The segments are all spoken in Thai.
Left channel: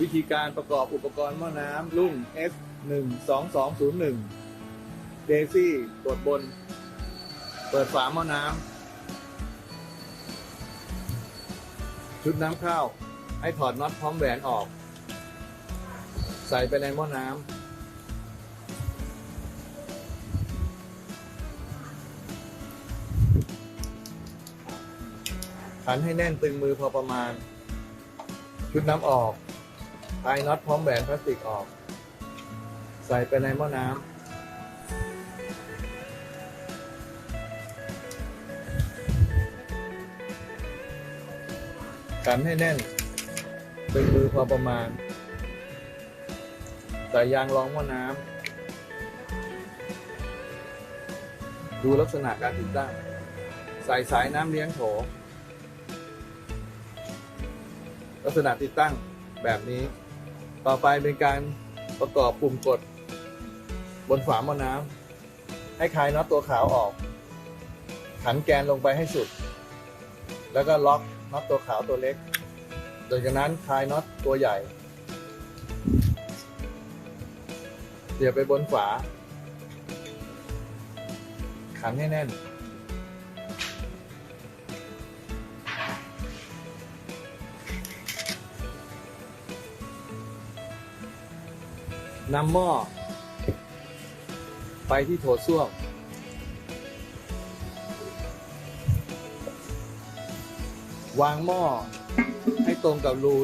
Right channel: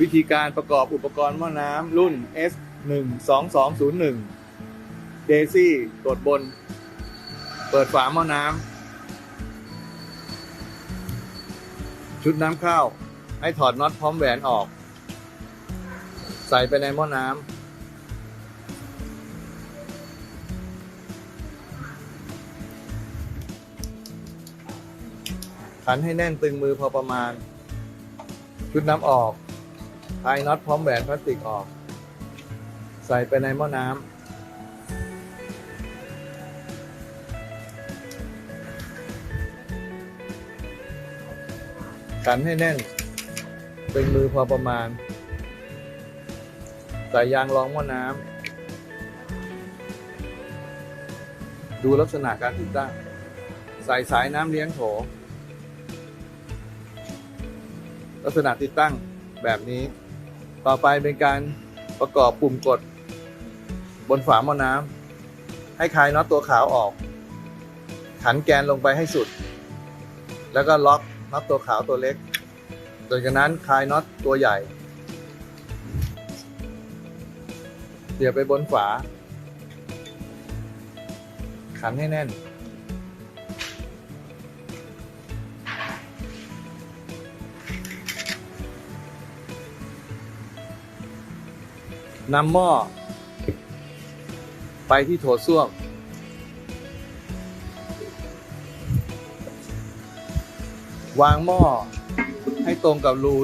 วิธีการประกอบอุปกรณ์หม้อน้ำรุ่น S 1 2 2 0 1เดซี่ตรวจบน เปิดฝาหม้อน้ำ ชุดน้ำข้าว ให้ถอดน็อตพร้อมแหวนออก ใส่ไปในหม้อน้ำขันให้แน่นตึงมือพอประมาณ ชุดน้ำออกายน็อตพร้อมแหวนพลาสติกออก ใส่ไปในหม้อน้ำกันให้แน่นตึงมือพอประมาณ ใส่ยางรองหม้อน้ำ ดูลักษณะการติดตั้ง ใส่สายน้ำเลี้ยงโถ ลักษณะติดตั้งแบบนี้ ต่อไปเป็นการประกอบปุ่มกด บนฝาหม้อน้ำให้คลายน็อตตัวขาวออก ขันแกนลงไปให้สุด แล้วก็ล็อกน็อตตัวขาวตัวเล็กโดยจากนั้นคลายน็อตตัวใหญ่เสียบไปบนฝา ขันให้แน่น นำหม้อ ไปที่โถส้วม วางหม้อ ให้ตรงกับรู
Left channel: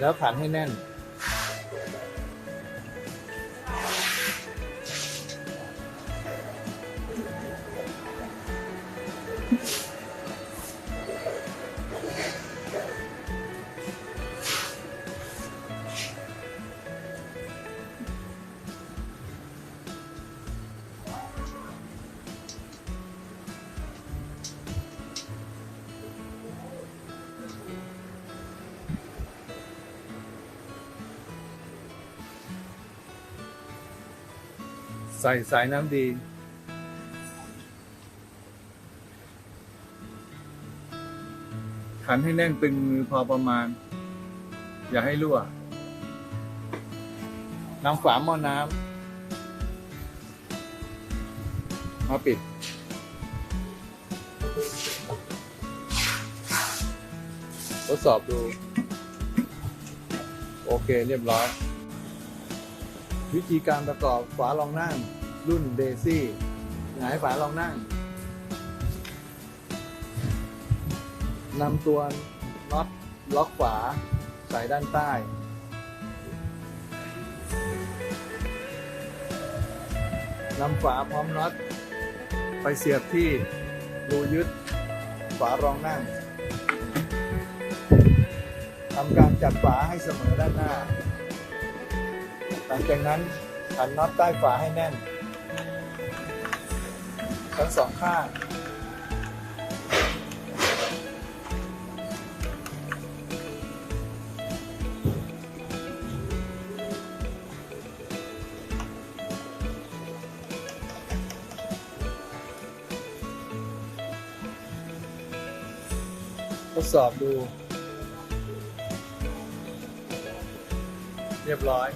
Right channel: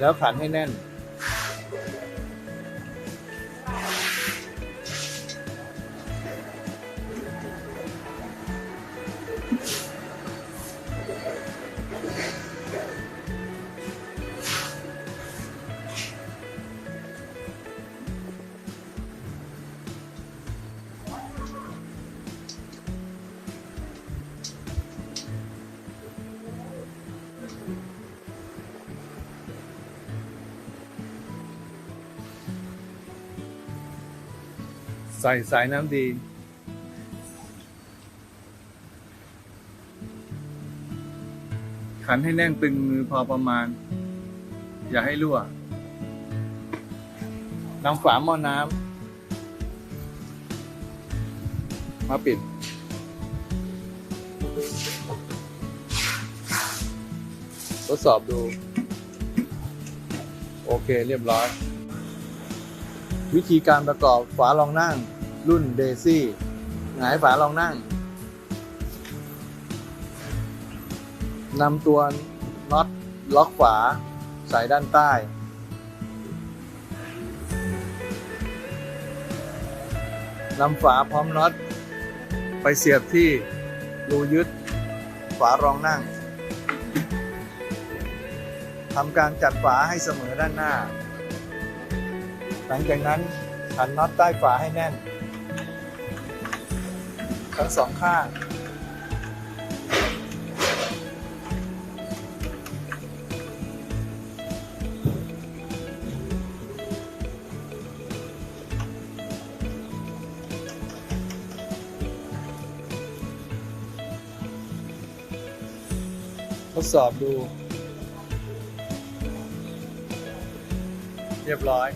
แล้วขันให้แน่น ใส่สายน้ำดี ขันให้แน่นตึงมือพอประมาณ อย่าให้รั่วนำฝาหม้อน้ำมาปิด ทดสอบดู โอเคเรียบร้อย วิธีการประกอบฝารองนั่ง รุ่นเดซี่หงายฝารองนั่งนำตัวน็อตล็อกฝาใส่ด้านใต้ นำฝาพร้อมน็อต ไปเสียบที่รูยึดฝารองนั่ง ทำการจัดฝาให้เสมอด้านหน้า หลังจากนั้นขันน็อตใต้ฝาให้แน่น ทั้งสองข้าง ทดสอบดู เรียบร้อย